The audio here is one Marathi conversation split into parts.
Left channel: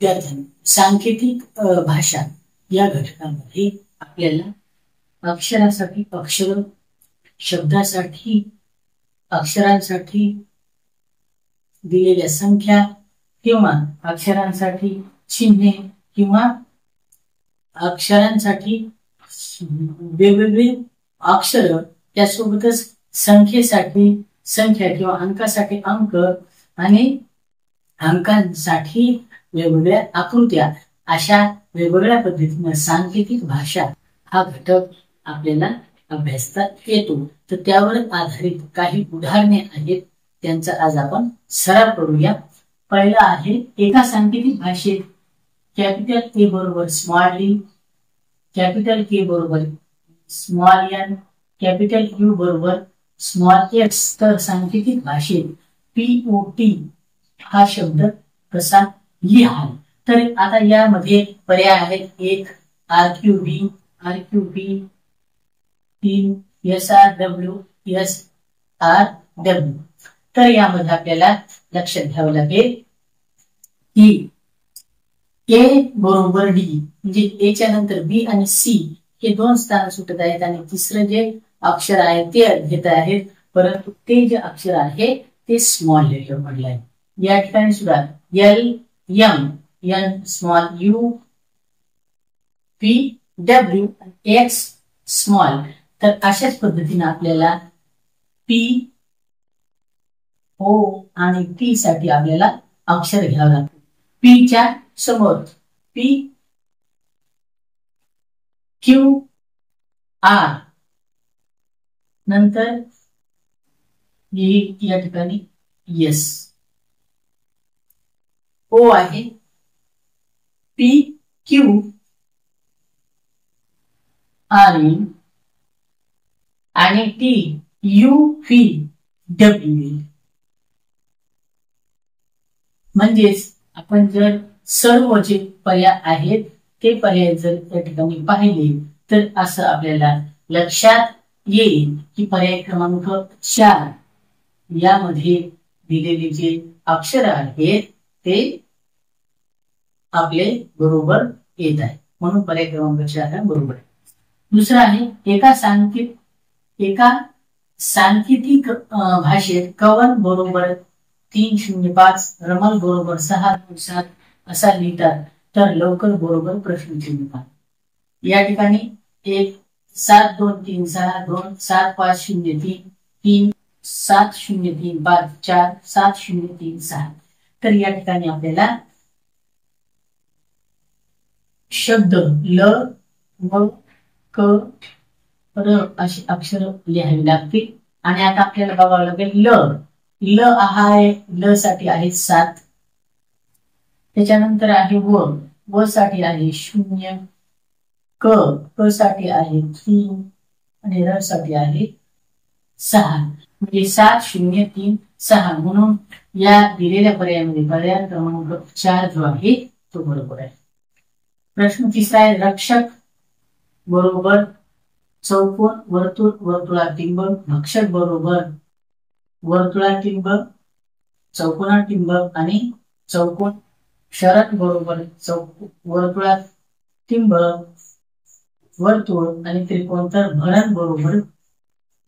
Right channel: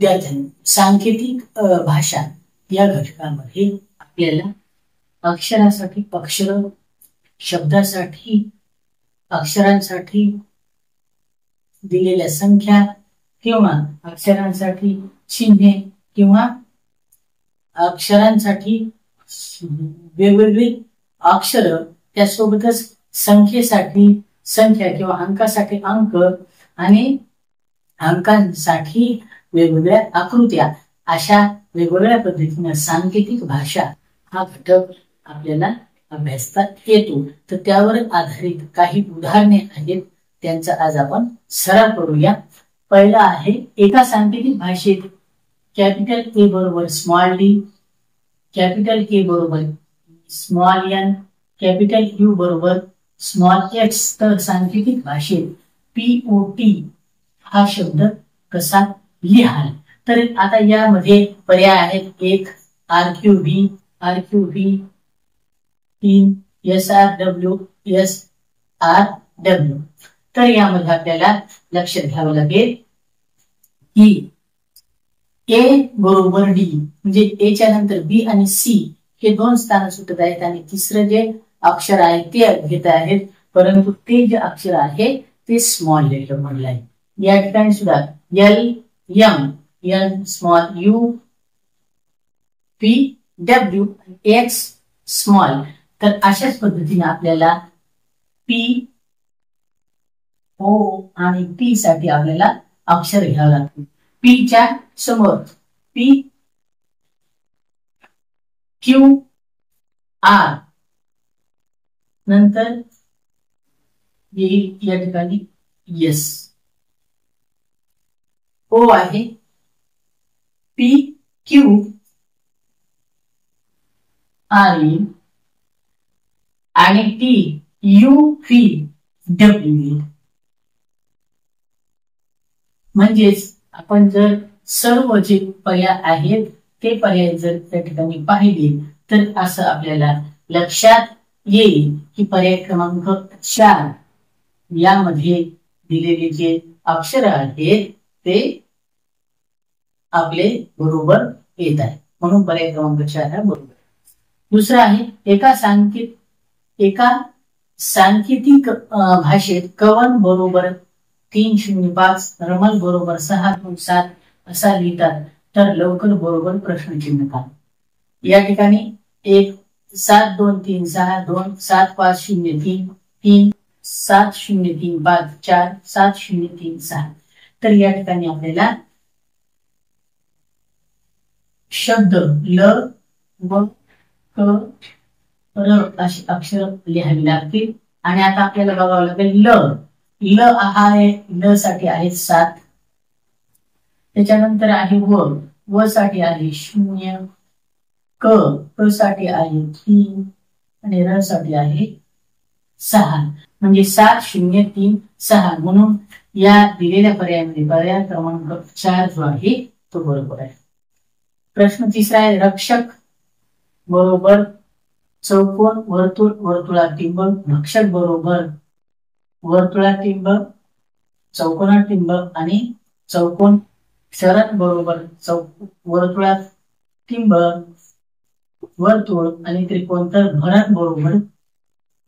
विद्यार्थ्यांनी सांकेतिक भाषा या घटकामध्ये आपल्याला अक्षरासाठी अक्षर, शब्दासाठी अक्षरांसाठी दिलेल्या संख्या किंवा अक्षरांसाठी चिन्हे किंवा अक्षरांसाठी वेगवेगळी अक्षर, त्यासोबतच संख्येसाठी संख्या किंवा अंकासाठी अंक आणि अंकांसाठी वेगवेगळ्या आकृत्या, अशा वेगवेगळ्या पद्धतीने सांकेतिक भाषा हा घटक आपल्याला अभ्यासता येतो. तर त्यावर आधारित काही उदाहरणे आहेत, त्यांचा आज आपण सराव करूया. पहिला आहे, एका सांकेतिक भाषेत कॅपिटल ए बरोबर स्मॉल डी, कॅपिटल के बरोबर स्मॉल एन, कॅपिटल यू बरोबर स्मॉल एक्स. तर सांकेतिक भाषेत POT हा शब्द कसा लिहाल? तर आता यामध्ये पर्याय आहेत. 1 RQV, RQV, 3 SRW, SRW. तर यामध्ये आपल्याला लक्षात घ्यावं लागेल की A बरोबर D, म्हणजे A च्या नंतर B आणि C हे दोन स्थान सुटत आहेत आणि तिसरं जे अक्षर आहे ते घेत आहेत, परंतु ते जे अक्षर आहे ते स्मॉल लेटर मधलं आहे. या ठिकाणी सुद्धा L M N small, U P W X small. तर अशाच पद्धतीने आपल्याला P O आणि T साठी आपल्याला अक्षर घ्यावं लागतं. P च्या समोर P Q R, नंतर या ठिकाणी S. O आहे P Q R E आणि T U V W. म्हणजेच आपण जर सर्व जे पर्याय आहेत ते पर्याय जर त्या ठिकाणी पाहिले तर असं आपल्याला लक्षात येईल की पर्याय क्रमांक 4 यामध्ये दिलेले जे अक्षर आहेत ते आपले बरोबर येत आहे, म्हणून पर्याय क्रमांक 4 हा बरोबर आहे. दुसरा आहे, एका सांकेतिक भाषेत कवन बरोबर 305, रमल बरोबर 627 असा लिहितात, तर लवकर बरोबर प्रश्नचिन्ह का? या ठिकाणी 1 7 2 3 6 2 7 5 0 3 3 7 0 3 5 4 7 0 3 6. तर या ठिकाणी आपल्याला शब्द ल व क र अशी अक्षर लिहावी लागतील. आणि आता आपल्याला बघावं लागेल ल आहे, ल साठी आहे 7, त्याच्यानंतर आहे व साठी आहे 0, क साठी आहे 3 आणि र साठी आहे 6. म्हणजे 7 0 3 6, म्हणून या दिलेल्या पर्यायामध्ये पर्याय क्रमांक 4 जो आहे तो बरोबर आहे. प्रश्न तिसरा आहे, रक्षक बरोबर चौकोन वर्तुळ वर्तुळातिंबक, भक्षक बरोबर वर्तुळातिंबक चौकोनातिंबक आणि चौकोन, शरद बरोबर वर्तुळातिंबक वर्तुळ आणि त्रिकोण, तर भरण बरोबर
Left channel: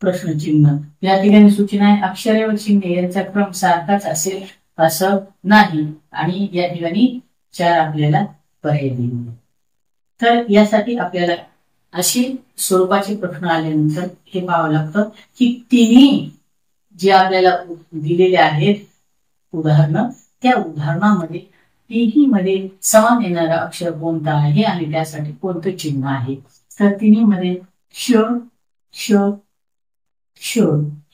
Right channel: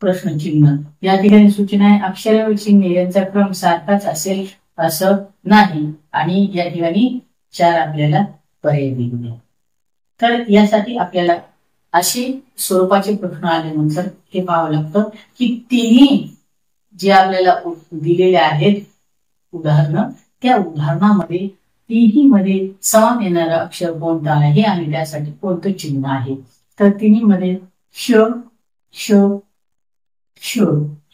प्रश्नचिन्ह. या ठिकाणी सूचना आहे, अक्षरे व चिन्हे यांचा क्रम सारखाच असेल असं नाही, आणि या ठिकाणी 4 आपल्याला पर्याय दिले. तर यासाठी आपल्याला अशी स्वरूपाचे प्रश्न आल्यानंतर हे पाहावं लागतं की तिन्ही जे आपल्याला दिलेले आहेत उदाहरणं, त्या उदाहरणामध्ये तिन्ही मध्ये समान येणारा अक्षर कोणता आहे आणि त्यासाठी कोणतं चिन्ह आहे. तर तिन्ही मध्ये श श श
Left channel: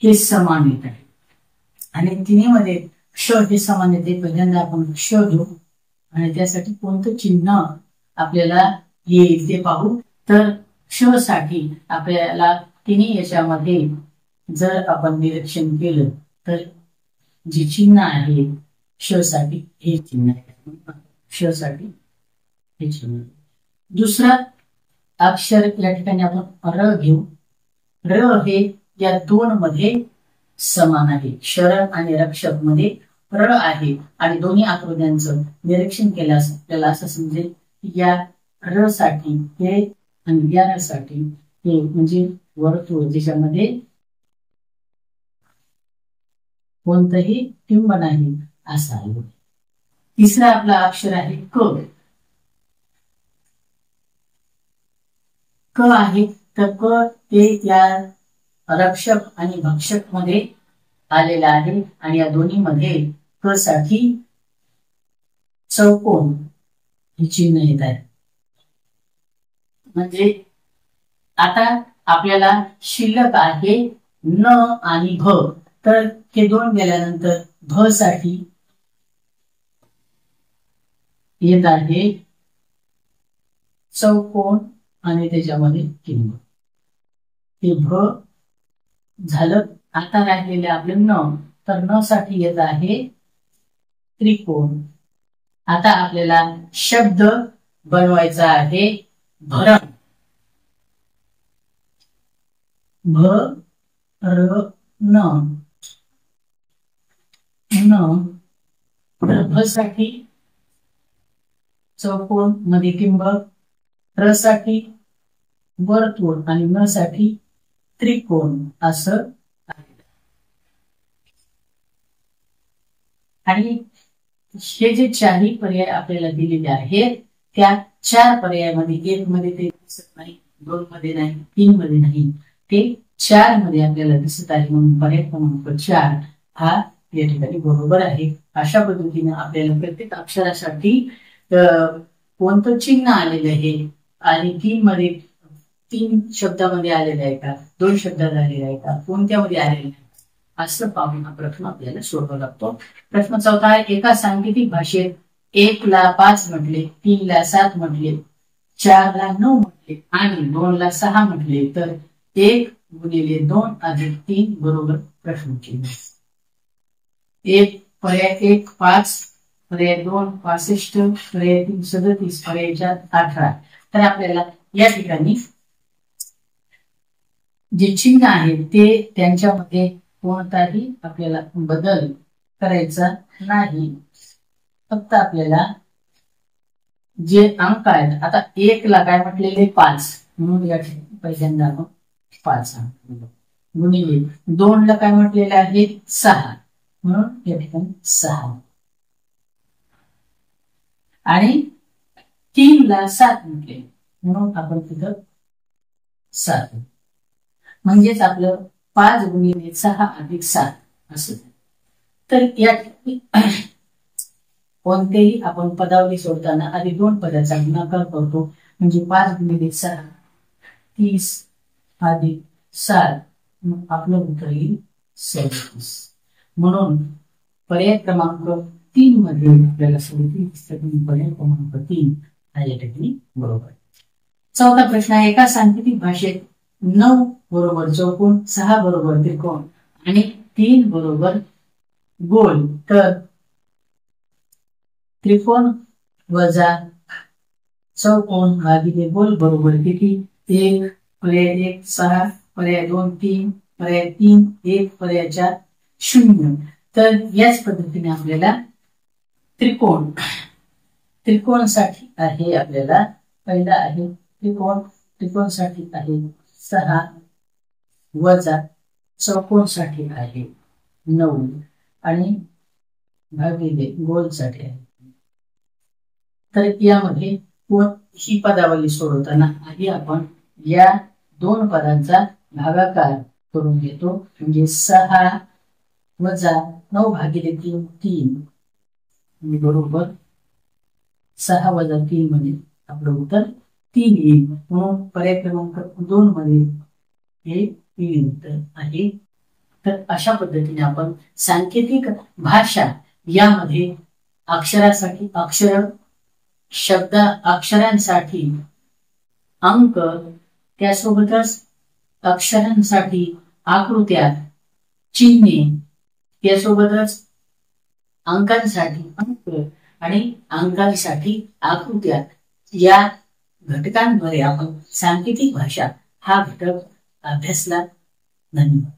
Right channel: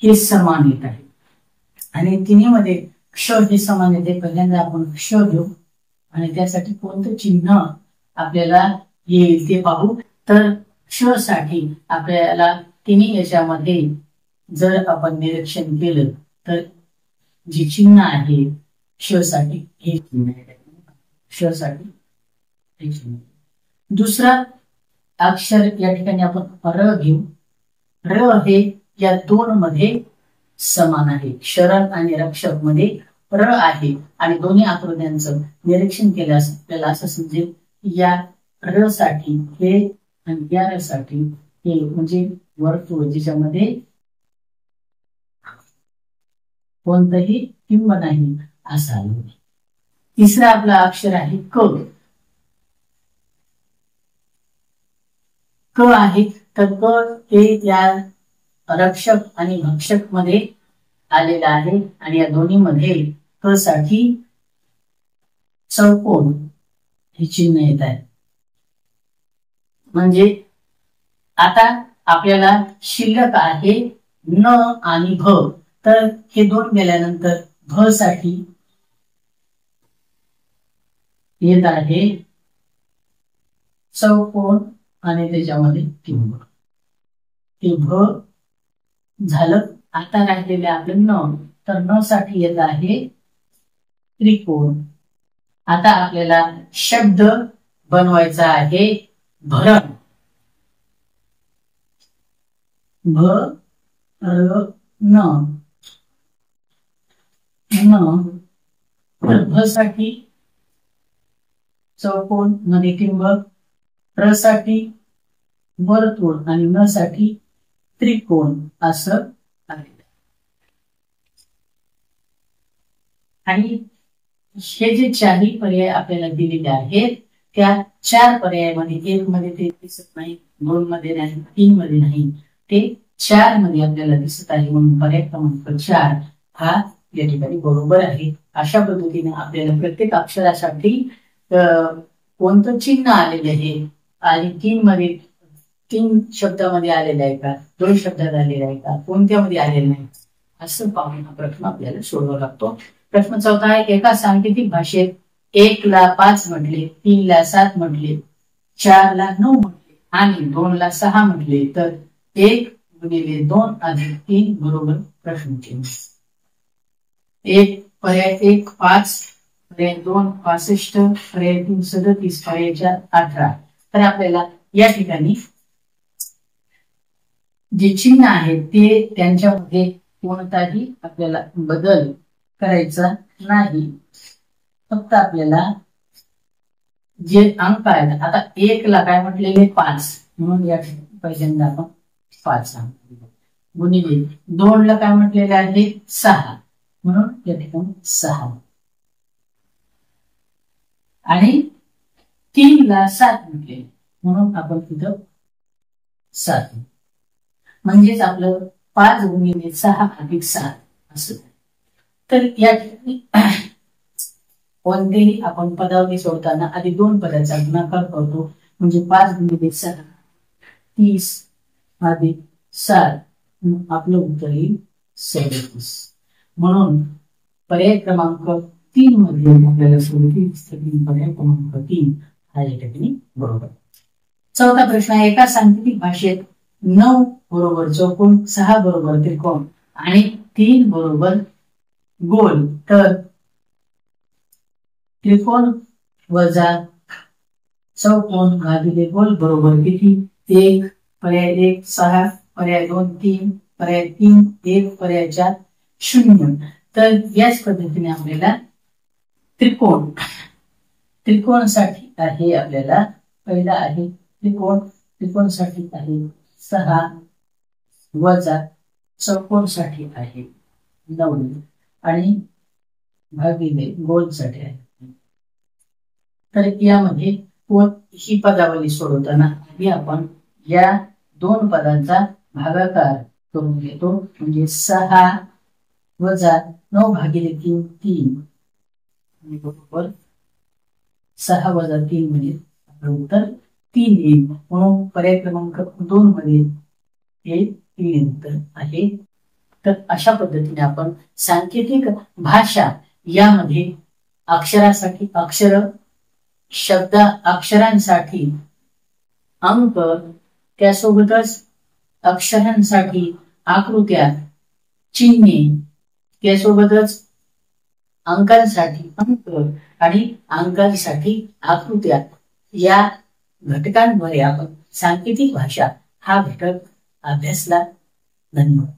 हे समान येत आहे आणि तिन्ही मध्ये क्ष हे समान येते. पहिल्यांदा आपण क्ष घेऊ आणि त्यासाठी कोणतं चिन्ह आपल्याला येईल ते पाहू. तर क्ष साठी आपल्याला तिन्ही याच्यामध्ये जर आपण निरीक्षण केलं तर जे चिन्ह आहे क्ष साठी हे चिन्ह आहे, क्ष साठी हे चिन्ह. दुसरा अक्षर या ठिकाणी आपण र घेऊ. र हे या दोन मध्ये समान आहे, शरण आणि रक्षक मध्ये र आहे आणि दोन्ही आकृत्यांचं निरीक्षण केल्यास आपल्याला असं समजेल या र साठी हे आणि या र साठी हे म्हणजे वर्तुळ ज्याच्यामध्ये कोणतंही टिंब नाही असावं. तिसरा आपला अक्षर आहे क. क आहे तर क हे त्या रक्षक आणि भक्षक मध्ये आलेलं आहे आणि या दोन्ही मध्ये क साठी चौकोन हे चिन्ह येत आहे. म्हणजे आता आपल्याला शिल्लक आहे न आणि भ, तर हे दोन गेल्यानंतर भ साठी येत आहे चौकोन आणि त्याच्यामध्ये टिंब. हे भ झालं. आता राहिलेले आपले न, तर न साठी येत आहे त्रिकोण. आता आपल्याला शब्द बनवायचा आहे भरण. भ र न. भ साठी चौकोन मध्ये टिंब, र साठी वर्तुळ आणि न साठी त्रिकोण असं आलेलं. आणि हे जे चारही पर्याय आपल्याला दिलेले आहेत त्या चार पर्यायामध्ये एक मध्ये ते दिसत नाही, दोन मध्ये नाही, तीन मध्ये नाही, ते चार मध्ये आपल्याला दिसत आहे. म्हणून पर्याय क्रमांक 4 हा या ठिकाणी बरोबर आहे. अशा पद्धतीने आपल्याला प्रत्येक अक्षरासाठी कोणतं चिन्ह आलेलं आहे आणि तीन शब्दामध्ये आलेलं आहे का, दोन शब्दात आलेलं आहे का, कोणत्यामध्ये आलेलं नाही असं पाहून हा प्रश्न आपल्याला सोडवावा लागतो. प्रश्न 4 आहे. एका सांकेतिक भाषेत 1 ला 5 म्हटले, 3 ला 7 म्हटले, 4 ला 9 म्हटले आणि 2 ला 6 म्हटले तर 1 गुणिले 2 अधिक 3 बरोबर प्रश्नचिन्ह. 1 पर्याय 1 5, पर्याय 2 65, पर्याय 3 37, पर्याय 4 18. तर आपल्याला या ठिकाणी जे चिन्ह आहेत ते त्यांच्यामध्ये कोणताही आपल्याला बदल करायचा नाही. फक्त आपल्याला जे अंक आहेत, आता 1 ला काय म्हटलेले 5, म्हणून या ठिकाणी पहिल्यांदा आपण 5 गुणिले 2 ला काय म्हटलेले आहे 6, म्हणून या ठिकाणी 6 आणि 3 ला 7 म्हटले म्हणून आपण तिथं 7. म्हणजेच आपलं 5 गुणिले 6 अधिक 7 असं. तर या ठिकाणी कोणतेही आपण पदावली सोडताना आधी 2 पदाचा गुणाकार करतो. म्हणजे 5 गुणिले 6 30 अधिक 7, आपलं उत्तर येईल 37. म्हणून पर्याय क्रमांक 3 मध्ये आपल्याला 37 पर्याय क्रमांक 3 हा या ठिकाणी बरोबर. 4था प्रश्न आहे. एका सांकेतिक भाषेत 9 बरोबर चौकोन, 6 बरोबर त्रिकोण आणि 3 बरोबर गोल, तर त्रिकोण वजा चौकोन भागिले गोल बरोबर किती? 1 पर्याय 1 6, पर्याय 2 3, पर्याय 3 1, पर्याय 4 0. तर याच पद्धतीने आपल्याला त्रिकोणासाठी आहे, आपल्याला पहिला आहे त्रिकोणासाठी आहे 6 वजा चौकोनसाठी आहे 9 आणि भागिले गोलसाठी आहे. तर यामध्ये ही पदावली सोडवताना आधी आपण या 2 पदांचा भागाकार करून घेतो. म्हणजे 6 वजा 9 भागिले 3 3 बरोबर 6 वजा 3 म्हणजे आपलं उत्तर 3 येईल. म्हणून पर्याय क्रमांक 2 मध्ये हे 3 उत्तर आहे. तर अशा पद्धतीने आपण सांकेतिक भाषा यामध्ये अक्षरासाठी अक्षर, शब्द अक्षरांसाठी अंक, त्यासोबतच अक्षरांसाठी आकृत्या, चिन्हे, त्यासोबतच अंकांसाठी अंक आणि अंकांसाठी आकृत्या या घटकांद्वारे आपण सांकेतिक भाषा हा घटक अभ्यासला. धन्यवाद.